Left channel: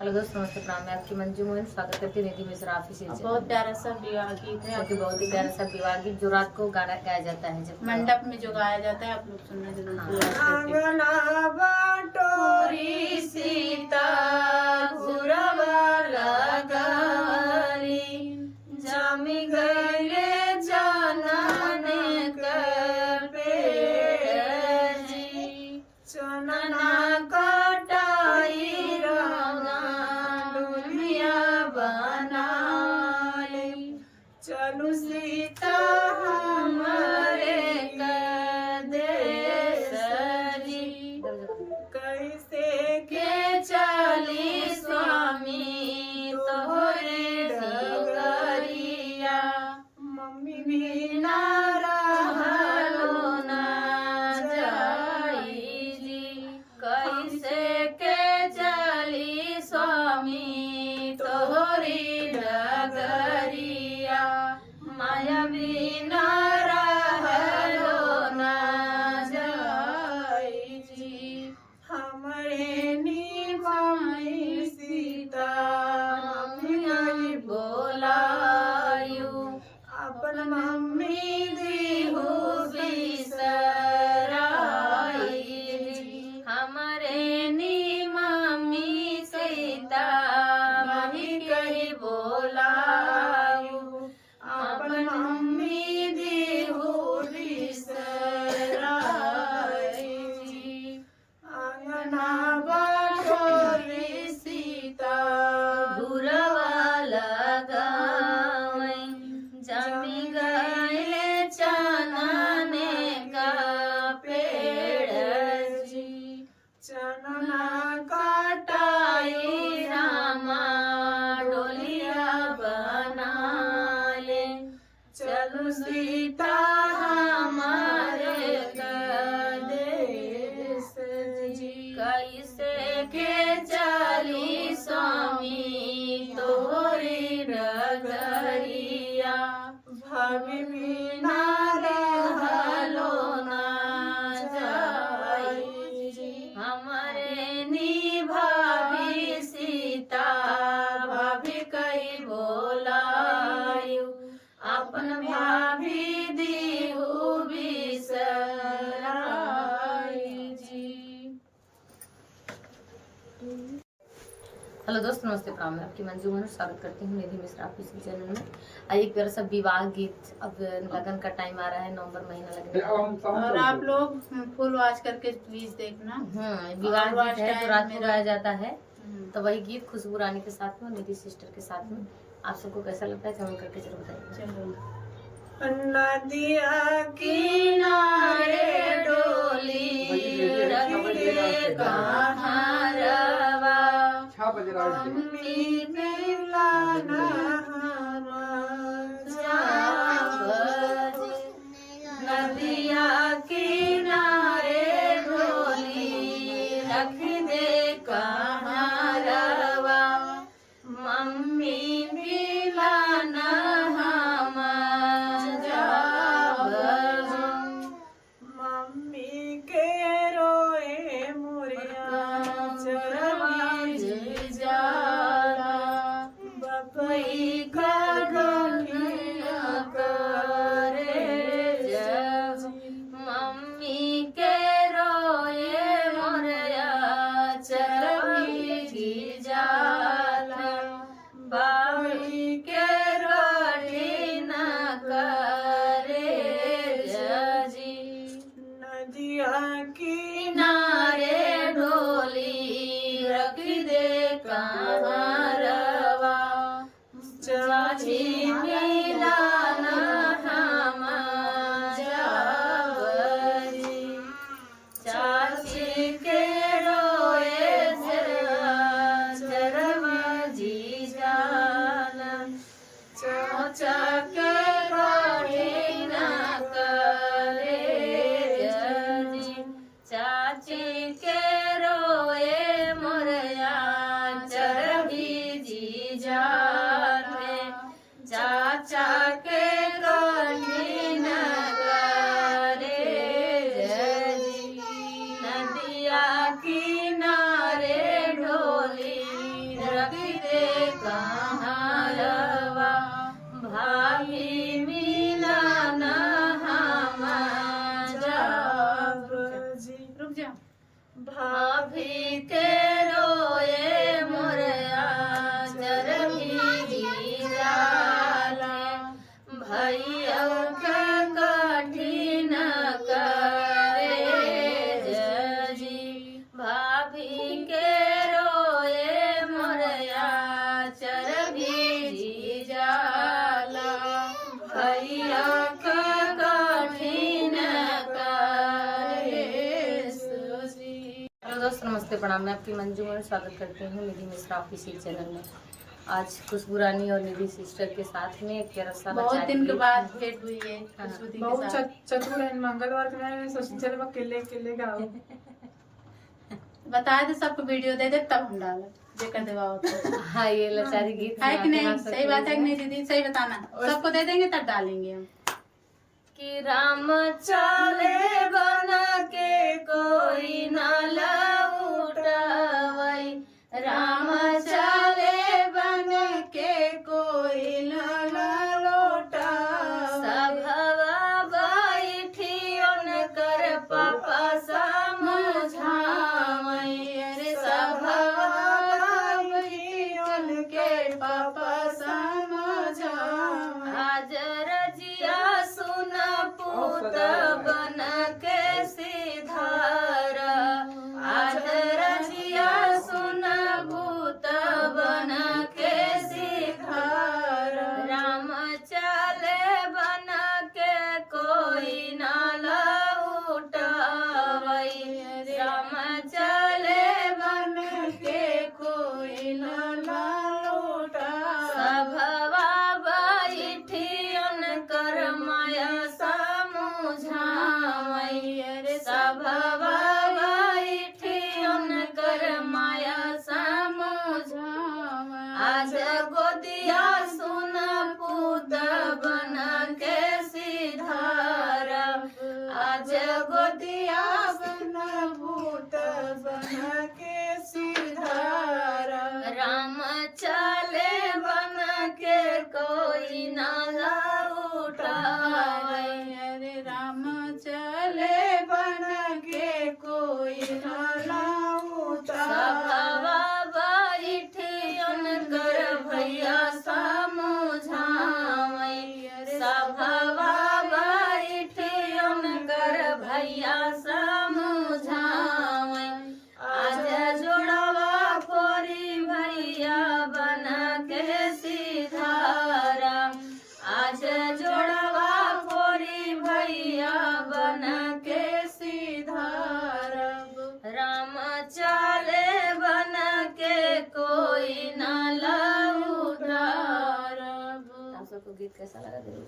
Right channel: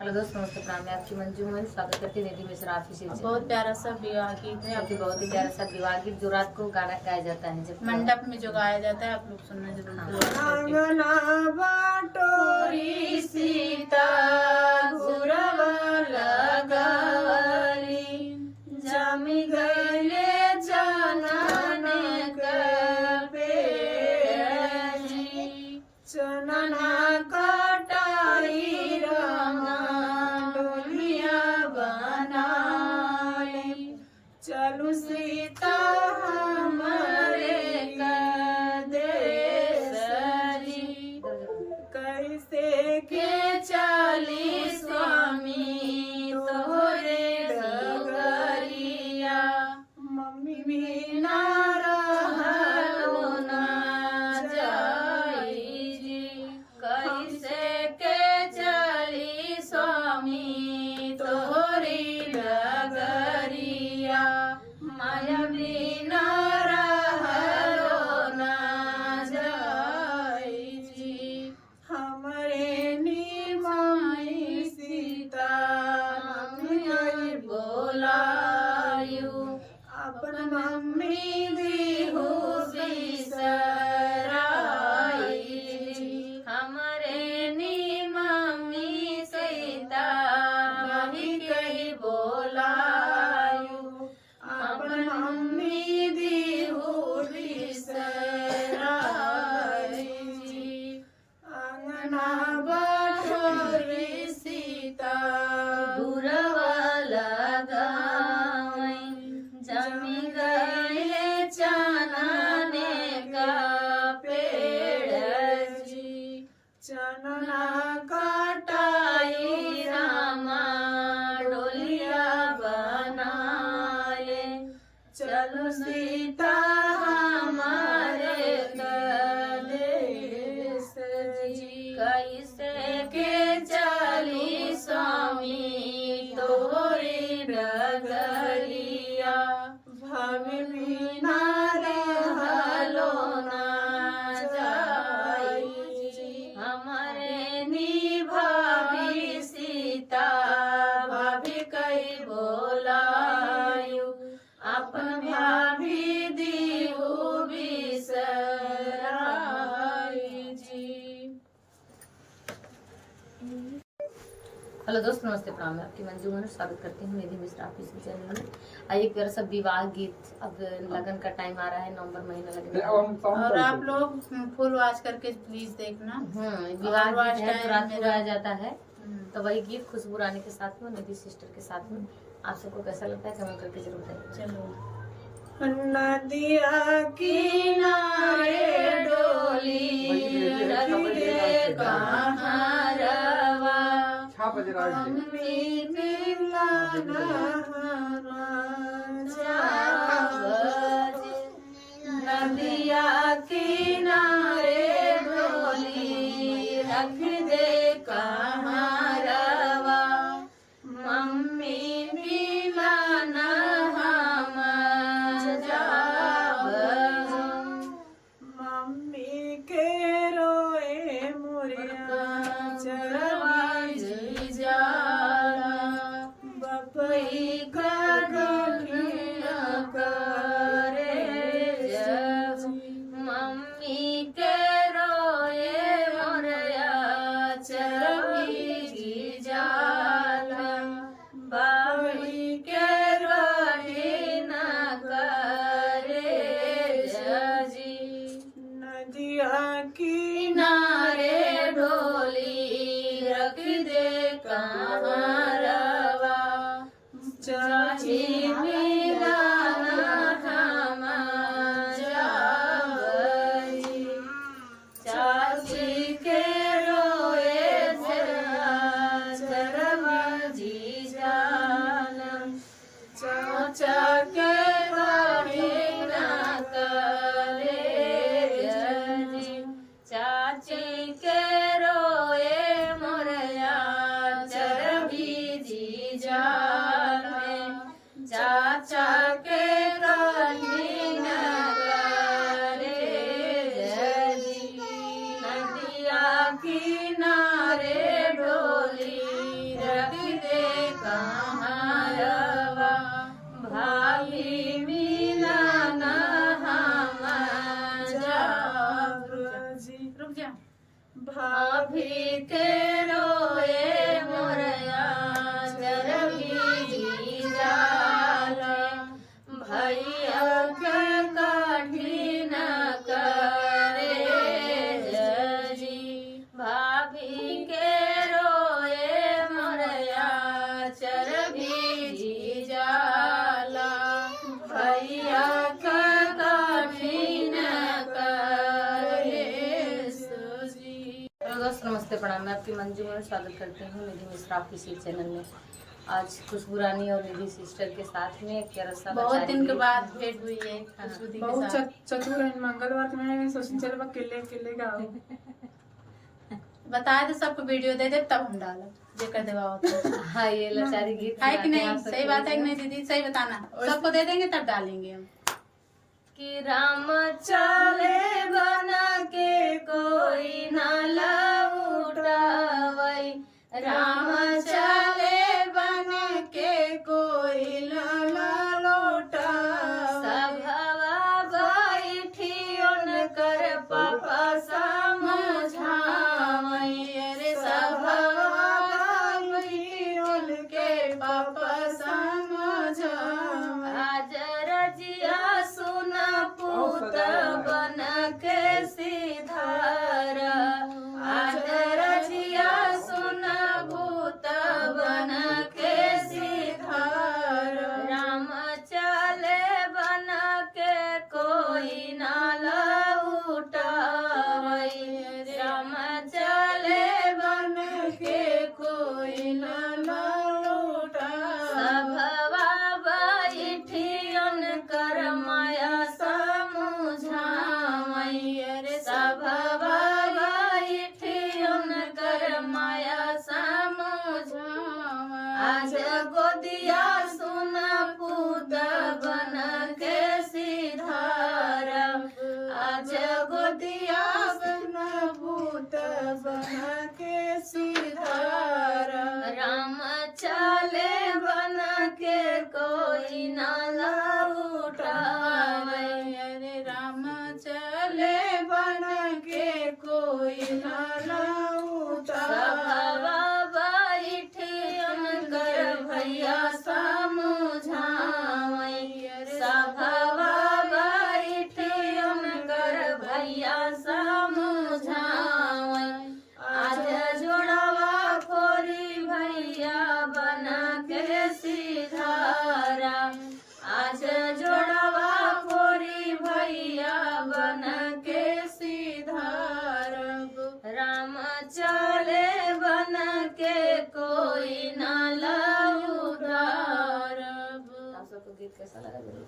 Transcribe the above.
Hello दोस्तों, नमस्ते, प्रणाम। मैं आपकी मंजू मोहन स्वागत करती हूँ निधि मिश्रा ऑफिस। बहुत प्यारा सा विवाह गीत है, आपकी बहुत ही प्यारा सा विवाह गीत जो रात को गाया जाता है जब मंडप में जो गाया जाता है, आप लोग सुनना जरूर। आंगना बाटोरी सीता घुरवा लगावली, जामी गईले जनन के पेजी, चनना कटाई रंगा डोलिया बनाले, चलू सीता हमारे कैसे के चाली स्वामी तोहरे डगरिया, मम्मी भी ना रहलो ना जाई जी, कैसे के चाली स्वामी तोहरे डगरिया, माया भी ना रहलो ना जाई जी, हमरे निमाई सीता मम्मी बोलायू, अपन मम्मी दीहू बिसराई जी, हमरे निमामी सीता मम्मी कही बोलायू, अपन मम्मी दीहू बिसराई जी, आंगना बाटोरी सीता घुरवा लगावई, जमी गईले चनने का पेड़ जी, चनना काटाई रामा डोलिया बनाले, चलो सीता हमारे देश जी, कैसे के चली स्वामी तोरी डगरिया, भाभी भी ना रहलो ना जाई जी, हमारे नी भाभी सीता भाभी कई बोलायू, अपन भाभी दीहू बिसराई जी। हेलो दोस्तों, नमस्ते, प्रणाम। मैं आपकी मंजू मोहन स्वागत करती हूँ निधि मिश्रा ऑफिस चैनल में। आज एक प्यारा सा विवाह गीत, अब लगन का टाइम आ रहा है, नवंबर महीना लगने वाला है। और आप लोग फुल वॉच करके प्लीज देखना। विवाह गीत है, रात में गाया जाता है, तो वही गीत खुशबू रानी के साथ में, निधि सिस्टर के साथ में। आप सबको कैसा लगता है कमेंट करके जरूर बताइए। चलो, नदिया किनारे डोली रख दे कहाँ रवा, मम्मी मिलाना नदिया किनारे डोली रख दे कहाँ रवा, मम्मी मिलाना मम्मी के रोए मुरिया चरवा जाला, बपई का गलिया करे मम्मी के रोए मुरिया चरवी जाला, बपई के रोटी न करे जी, नदिया किनारे डोली रख दे कहाँ रवा, चाची मिलाना हम जावजी, चाची के रोए चरवा जी जालन, चाचा के कड़ी न करे जी, चाची के रोए मोरया चरवी भागी दे कहारवा भाभी मिलन हम जब जी। रुक जा भाभी के रोए मोर आंचल भीजी जाला भैया के कठिन करे जी। भाभी के रोए मोर आंचल भीजी जाला भैया के कठिन करे जी। दोस्तों नमस्ते प्रणाम, मैं आपकी मंजू और स्वागत करती हूँ निधि मिश्रा ऑफिशियल चैनल में। आज खुशबू रानी और निधि सिस्टर के साथ में एक प्यारा सा बहुत बच्चा दिन के गीत- बाद भेंट हुई है खुशबू दी के बहुत साथ। चतुर है। मंगलवार के मैं सोची चल किले किले गाओ। बताए थे सबको वीडियो दे दे तब हम डाला जेकर देवा होता हाँ ये लाचारी गीत है कि सुनाते हैं नहीं? आप सबको। सही बात है कि नहीं दीदी? सही बताना, सबको दे देंगे तब डालेंगे हम। कि राम चले बना के कोई न लौटावई राम चले बना के कोई न लौटावई सभवा बैठी उनकर पापा समझावई रे सभवा बैठी उनके पापा समझावई आज रजिया सुन पूत बन के सिधार आज रजिया सुन पूत बन के सिधार राम चले बन के कोई न लौटावई राम चले बन के कोई न लौटावई सभवा बैठी उनकर माया समझावई रे सभवा बैठी उनकर माया समझावई आज गोदिया सुन पूत बन के सिधार आज गोदिया सुन पूत बन के सिधार राम चले बन के कोई न लौटावई अरे राम चले बन के कोई न लौटावई बैठी उनकर भैया समझावई सभवा बैठी उनकर भैया समझावई आज जोड़वा फोरी भैया बन के सिधारा आज जोड़वा फोरी भैया बन के सिधारा राम चले बन के कोई न लौटावई। आप सबको गीत कैसा लगा जरूर